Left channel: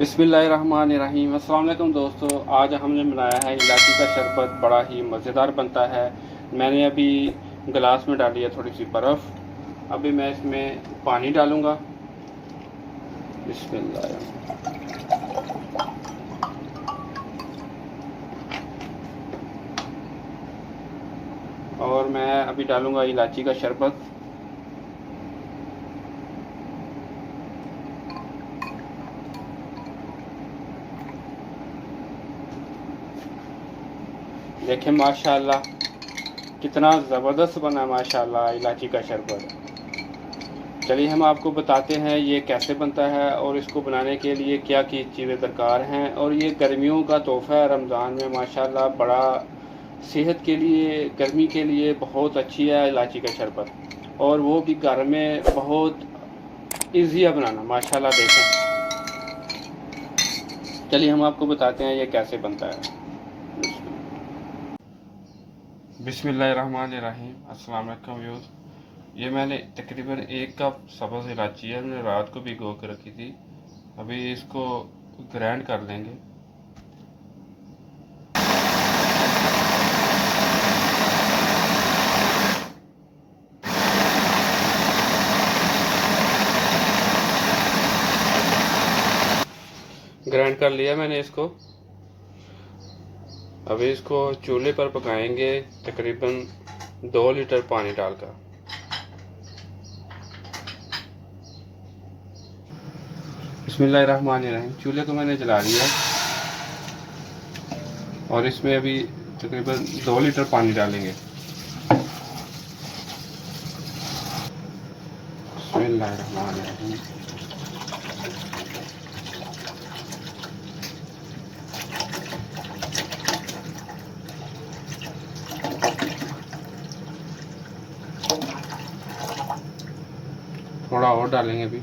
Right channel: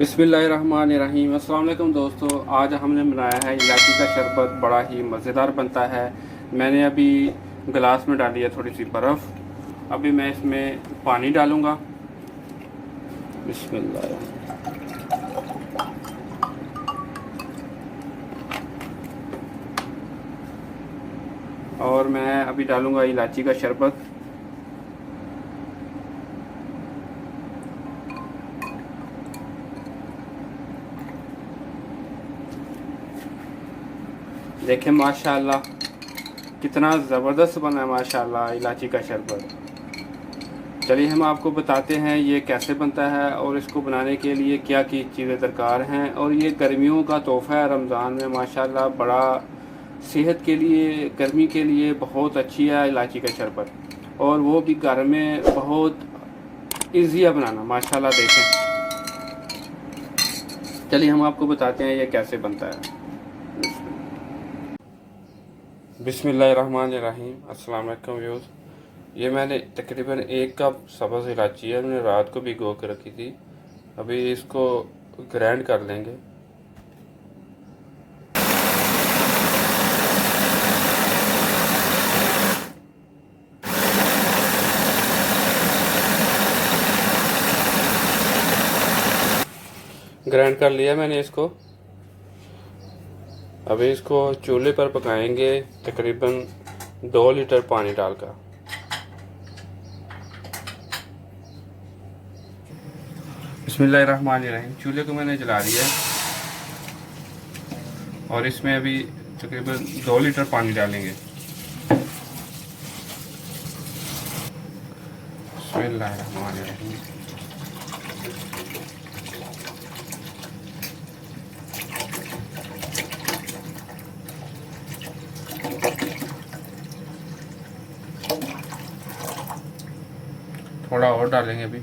बिस्मिल्लाहिर्रहमानिर्रहीम। अस्सलाम वालेकुम दोस्तों, आज हमने बनाया है इलायची का शरबत। बड़ा ही मज़ेदार बनता है। मैंने अभी गिलास में डाली है थोड़ी सी बर्फ़। अभी मैं इसमें पानी डालूँगा। बिस्मिल्लाह। और मैं अभी डालूँगा इलायची का शरबत। देखें माशाल्लाह कितना ज़बरदस्त बना है माशाल्लाह इलायची का शरबत। चलिए हम आपको बताते हैं ये कैसे बनता है और इसको बनाने के लिए क्या की चीज़ें दरकार हैं। और ये गर्मियों का तोहफ़ा है रमज़ान में माशाल्लाह। बड़ा सेहत के लिए, गर्मी के लिए बहुत अच्छी है इलायची का शरबत, और वो भी घर में बहुत ईज़ी है बनाना माशाल्लाह। देखें, चलिए हम आपको बताते हैं ये कैसे बनता है। बिस्मिल्लाहिर्रहमानिर्रहीम। अस्सलाम वालेकुम व्यूअर्स। ये मैंने तकरीबन 1 कप सब्ज़ इलायची है, मैंने रात को भिगो के रखी थी। अभी इसको ग्राइंड कर लेंगे। ग्राइंड कर लिया मैंने इसको। अभी इसको चूल्हे पर पकाएंगे तकरीबन 2 लीटर पानी डालकर। बिस्मिल्लाहिर्रहमानिर्रहीम। चूल्हे को मैंने जला दिया और इसमें अभी तकरीबन 2 लीटर पानी डालेंगे। बिस्मिल्लाहिर्रहमानिर्रहीम। थोड़ा और डालेंगे अभी।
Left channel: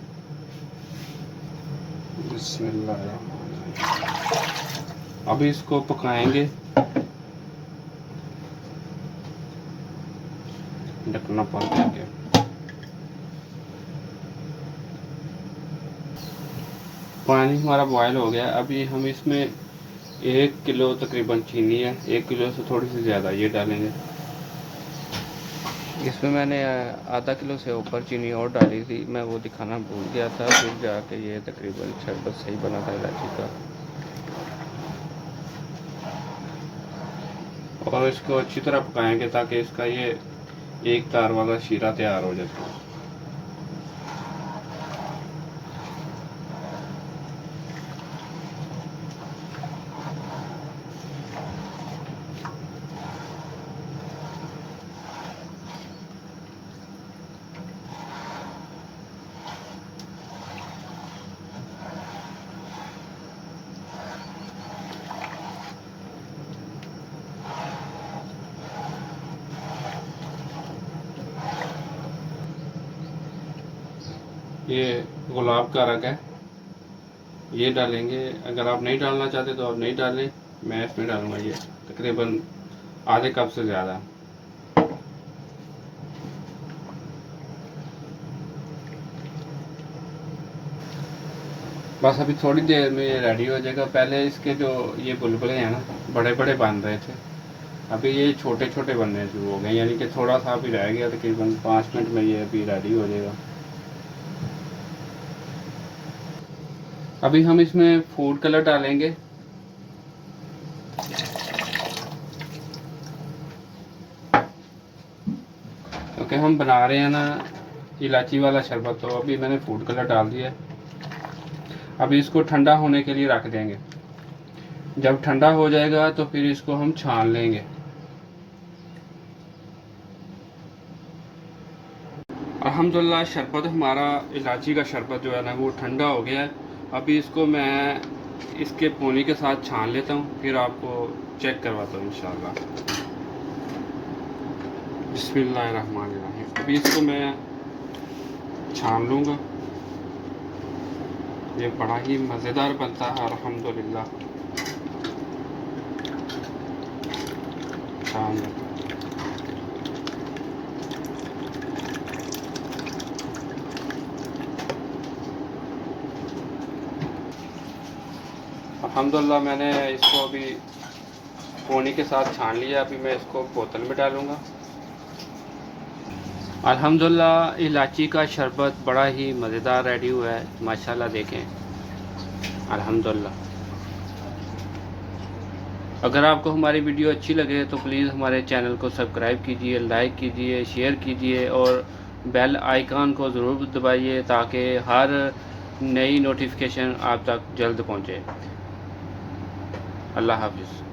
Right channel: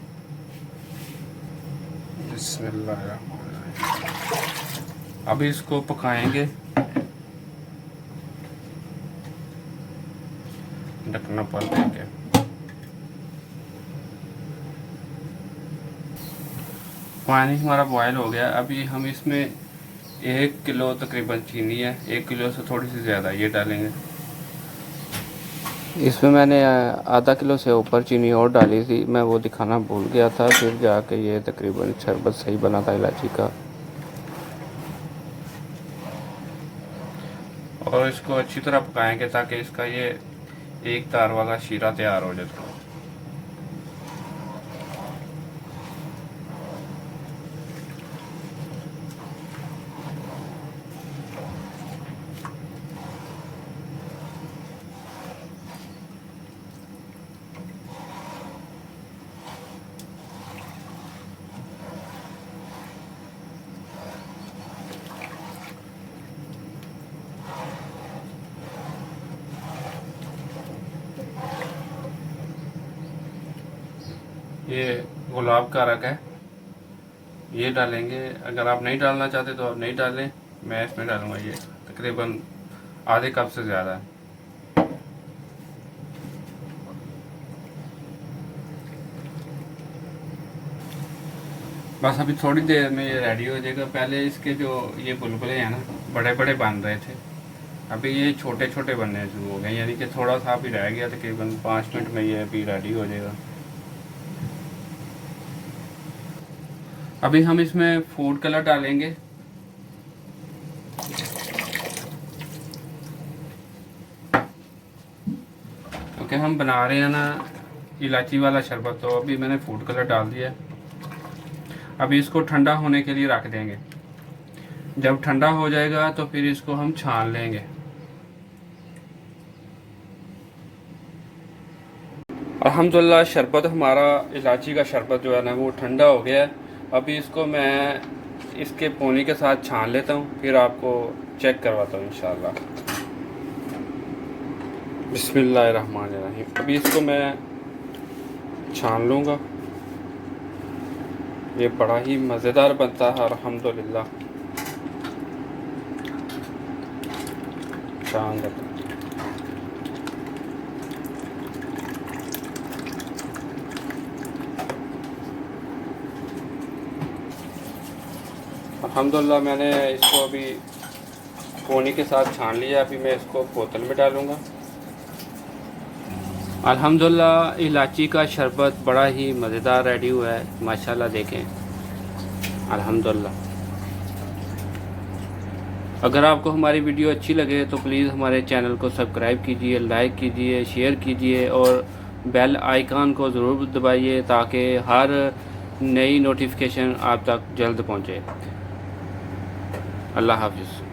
बिस्मिल्लाहिर्रहमानिर्रहीम। अभी इसको पकाएंगे, ढकना पड़ देंगे। पानी हमारा बॉयल हो गया। अभी हम इसमें 1 किलो तकरीबन चीनी है, 1 किलो से थोड़ी सी ज़्यादा ये डालेंगे। इसमें मैंने आधा किलो से ऊपर चीनी और डाली थी, मैं वो दिखाना भूल गया था। फिर जाके ये तकरीबन शरबत सही बना था इलायची का। और इसको अच्छी तरह पकाएंगे ताकि इसका ये एक तार वाला शीरा तैयार हो जाए। ये गुलाब का रंग है, ये डालेंगे। अगर आप नहीं डालना चाहते तो आप नहीं डालें। मैं इसमें डालूंगा ये तकरीबन आधे कप से ज़्यादा है। बस अभी थोड़ी देर में ये रेडी हो जाएगा। पहले इसके जो ये बुलबुले हैं ना, बड़े बड़े बन रहे थे, अभी ये छोटे छोटे बनने शुरू हो गए। यानी कि थोड़ा सा अभी रह गया, तकरीबन 5 मिनट में ये अभी रेडी हो जाएगा। अभी हम इसमें फूड कलर डालेंगे। क्योंकि हम बना रहे हैं ना इलायची वाला शरबत, तो अभी मैंने फूड कलर डाल दिया। अभी इसको ठंडा होने के लिए रख देंगे। जब ठंडा हो जाएगा तो फिर इसको हम छान लेंगे। अल्हम्दुलिल्लाह शरबत हमारा इलायची का शरबत जो है ना वो ठंडा हो गया है। अभी इसको मैं इसके पानी के साथ छान लेता हूँ, फिर आपको चेक करवाता हूँ इंशाल्लाह। बिस्मिल्लाहिर्रहमानिर्रहीम। अभी इसको मैं छान लूँगा। ये बड़ा ही मज़ेदार बनता है अल्हम्दुलिल्लाह। छान लेता हूँ। अल्हम्दुलिल्लाह मैंने इसको अभी पोनी के साथ छान लिया। अभी मैं इसको बोतल में डालूँगा। अल्हम्दुलिल्लाह इलायची का शरबत बड़ा ही मज़ेदार रेडी हुआ है माशाल्लाह। देखें अल्हम्दुलिल्लाह। अगर आपको हमारी वीडियो अच्छी लगे तो प्लीज़ हमारे चैनल को सब्सक्राइब कीजिए, लाइक कीजिए, शेयर कीजिए और बेल आइकन को ज़रूर दबाइए ताकि हर नई नोटिफिकेशन आप तक जल्द पहुँचे। अल्लाह हाफ़िज़।